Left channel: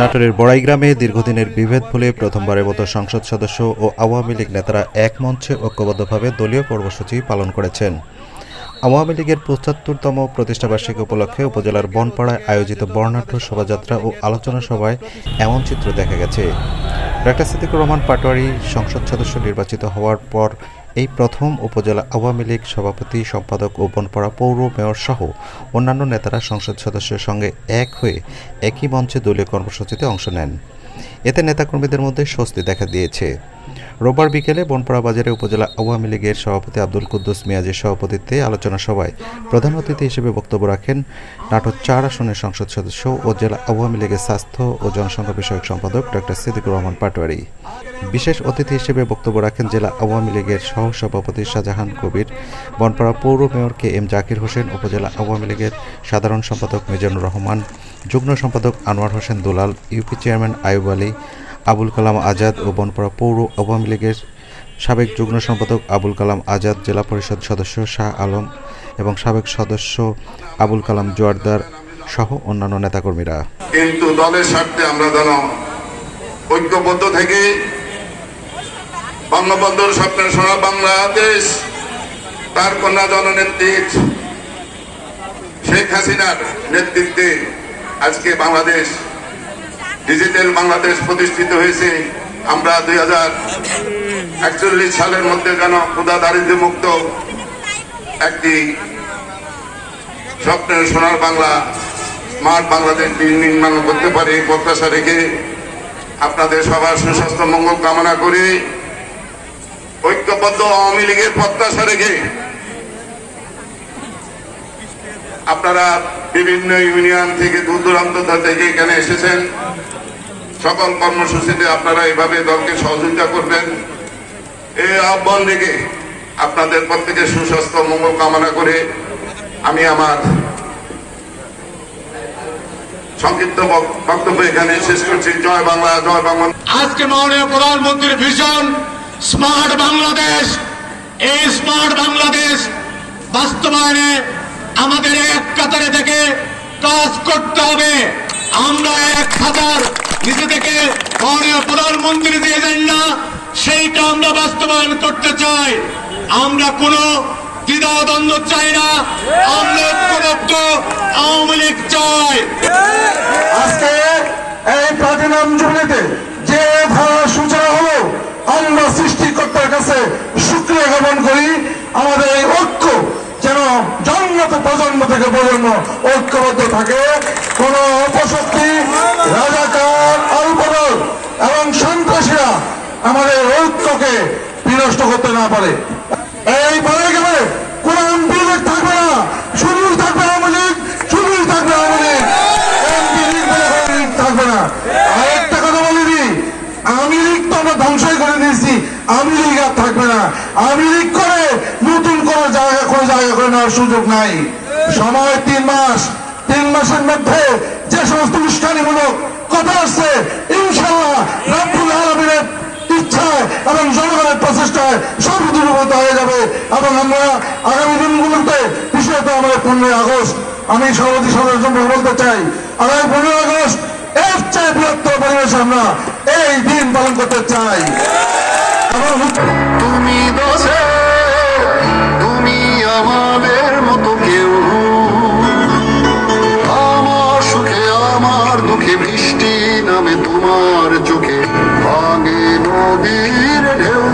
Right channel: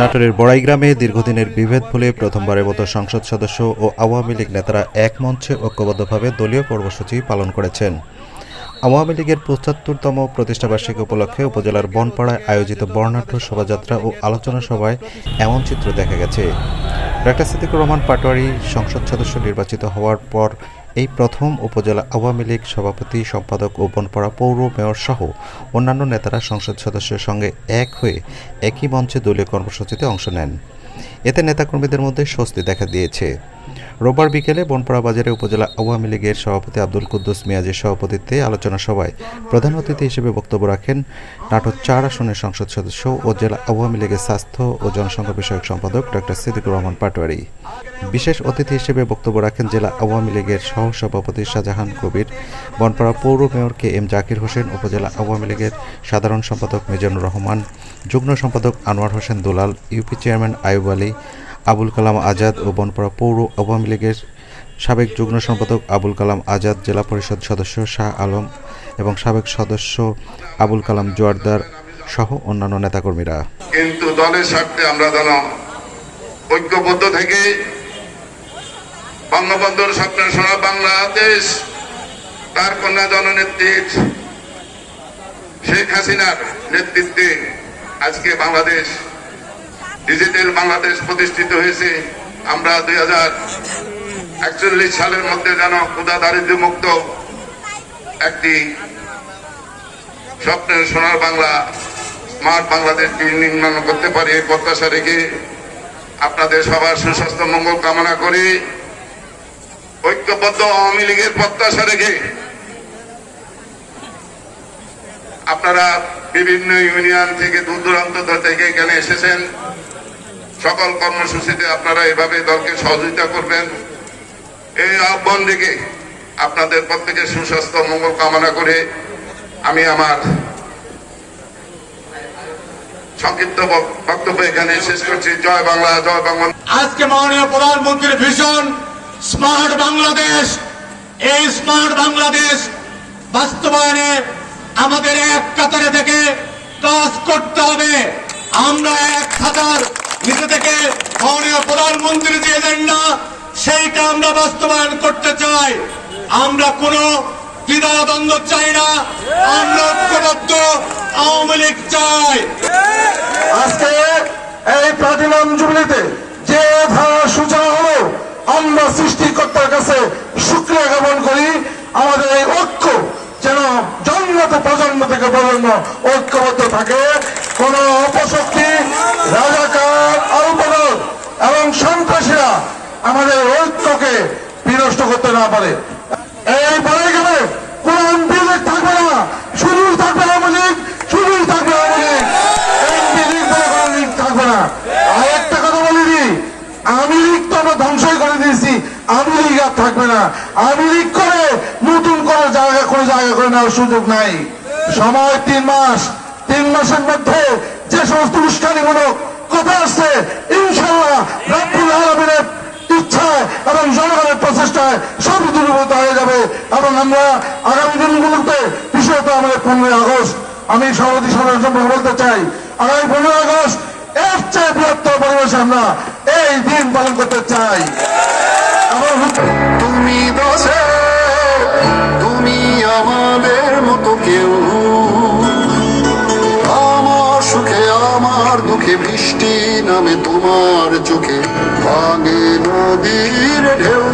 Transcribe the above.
নাটোরের বড়াইগ্রামে দীর্ঘদিনের বিভেদ ভুলে প্রথমবারের মতো সংসদ সদস্য ও আওয়ামী লীগ নেতারা এক মঞ্চে ঐক্যবদ্ধভাবে দলীয় কর্মসূচি পালন করেছেন। আওয়ামী লীগের ৭৫তম প্রতিষ্ঠাবার্ষিকী উপলক্ষে উপজেলার বনপাড়ায় আয়োজিত বর্ণাঢ্য শোভাযাত্রা ও আলোচনা সভায় এমন চিত্র দেখা গেছে। ডা. সিদ্দিকুর রহমান পাটোয়ারী সংসদ সদস্য নির্বাচিত হওয়ার পর এই প্রথম উপজেলা আওয়ামী লীগ সভাপতি, সম্পাদক ও বনপাড়া পৌর মেয়র সহ অন্যান্য নেতারা সংসদ সদস্যের সঙ্গে এক হয়ে একই মঞ্চে দলীয় কর্মসূচিতে অংশ নেন। এতে নেতাকর্মীদের মধ্যে স্বস্তি দেখা দিয়েছে। রোববার বিকেলে বনপাড়া বাজারে উপজেলা আওয়ামী লীগের সভাপতি আব্দুল কুদ্দুস মিয়াজের সভাপতিত্বে আলোচনা সভায় প্রধান অতিথি হিসেবে বক্তব্য রাখেন নাটোর ৪ আসনের সংসদ সদস্য ও জেলা আওয়ামী লীগের স্বাস্থ্য ও জনসংখ্যা বিষয়ক সম্পাদক ডা. সিদ্দিকুর রহমান পাটোয়ারী। বিশেষ অতিথি হিসেবে বক্তব্য রাখেন জেলা আওয়ামী লীগের সহসভাপতি শাহজাহান কবির, বনপাড়া পৌর মেয়র KM জাকির হোসেন, উপজেলা আওয়ামী লীগের সাধারণ সম্পাদক মিজানুর রহমান, যুগ্ম সম্পাদক আনোয়ার হোসেন দুলাল, ইউপি চেয়ারম্যান আয়ুব আলী, আবুল কালাম আজাদ ও বনপাড়া পৌর আওয়ামী লীগের সাবেক যুগ্ম সম্পাদক আবুল কালাম আজাদ, জেলা পরিষদ সদস্য শাহ আলম এবং সাবেক সদস্য আবুল কালাম জোয়ারদার সহ অন্যান্য নেতাকর্মীরা। কিন্তু দলের স্বার্থে আমরা যেন ঐক্যবদ্ধ থেকে বঙ্গবন্ধুর স্বপ্নের সোনার বাংলাদেশ, তার কন্যা জননেত্রী শেখ হাসিনার নেতৃত্বে আজকে বাংলাদেশ ডিজিটাল বাংলাদেশ প্রতিষ্ঠিত হয়েছে। আমরা 2041 সালের মধ্যে যেন ক্ষুধা দারিদ্র্য মুক্ত একটি স্বপ্নের সোনার বাংলা, স্মার্ট বাংলাদেশ নির্মাণ করতে পারি এই প্রত্যাশা রেখে আপনাদের সবার সুস্বাস্থ্য মঙ্গল কামনা করে ঐক্যবদ্ধ আওয়ামী লীগের প্রত্যাশা রেখে আপনারা বিভিন্ন ইউনিয়ন থেকে দূর দূরান্ত থেকে এখানে এসেছেন। সকল কর্মসূচিতে আপনারা এভাবে দলকে সহযোগিতা করবেন এই আহ্বান রেখে আপনাদের প্রত্যেকের সুস্বাস্থ্য মঙ্গল কামনা করে আমি আমার সংক্ষিপ্ত বক্তব্য এখানে শেষ করছি। জয় বাংলা, জয় বাংলা। আজকে মাননীয় প্রধানমন্ত্রীর ভিশন স্মার্ট বাংলাদেশ, এই স্মার্ট বাংলাদেশ বাস্তবায়নে আমাদের এক কাতারে থেকে কাজ করতে হবে। আমরা এক হাজার নিজে থেকে মাননীয় প্রধানমন্ত্রী যে এজেন্ডা সেইটা আমরা বাস্তবায়ন করতে চাই। আমরা কোনো দ্বিধাদ্বন্দ্ব চাই না, আমরা ঐক্যবদ্ধ আওয়ামী লীগ চাই। আজকে এই প্লাটিনাম জুবলিতে যে ধারা সূচনা হলো, আমরা সৃষ্টিকর্তার কাছে শুকরিয়া জ্ঞাপন করি। আমাদের এই ঐক্য যেন জন্মতে প্রজন্ম থেকে প্রজন্ম ঐক্যবদ্ধ থাকে, কোন অপশক্তি, রাজাকার, অল্পদল এবং সন্ত্রাসীরা আমাদের ঐক্যকে বিনষ্ট করতে না পারে। এই বলে গেলে কোন এমপি লীগ থাকবে না, শুধু থাকবে আওয়ামী লীগ, শুধু থাকবে আওয়ামী লীগ, এমপি লীগ লীগ থাকবে না। আরেকটা কথা বলে দিই, আওয়ামী লীগ তো আমরা ধ্বংসই করে দিয়েছি, আওয়ামী লীগ আর থাকবে না। আওয়ামী লীগ করে নতুন কোনো জায়গা করে নেওয়ার সুযোগ নাই। সময় 3 মাস, 3 মাসের মধ্যে যে সমস্ত উস্কানিমূলক কথা আসছে, ইনশাআল্লাহ রাব্বুল আলামিনের ইচ্ছায় এবং জনগণের প্রচেষ্টায় সব দূরীভূত হয়ে যাবে। এবং আমরা আগামী দিনগুলোতে, বিশেষত আমাদের 15 আগস্ট, আমি সভাপতি সদস্য বলতে চাই, আগামী 15 আগস্ট এর চেয়ে বৃহত্তর পরিবেশে আমরা এই দিন পালন করতে চাই। তুমি বসো, তুমি আমাদের মতো কেউ, আমার সুখে আমার দুঃখে বৃষ্টি নামে তোমার চোখে, ভাঙে নদীর ঢেউ।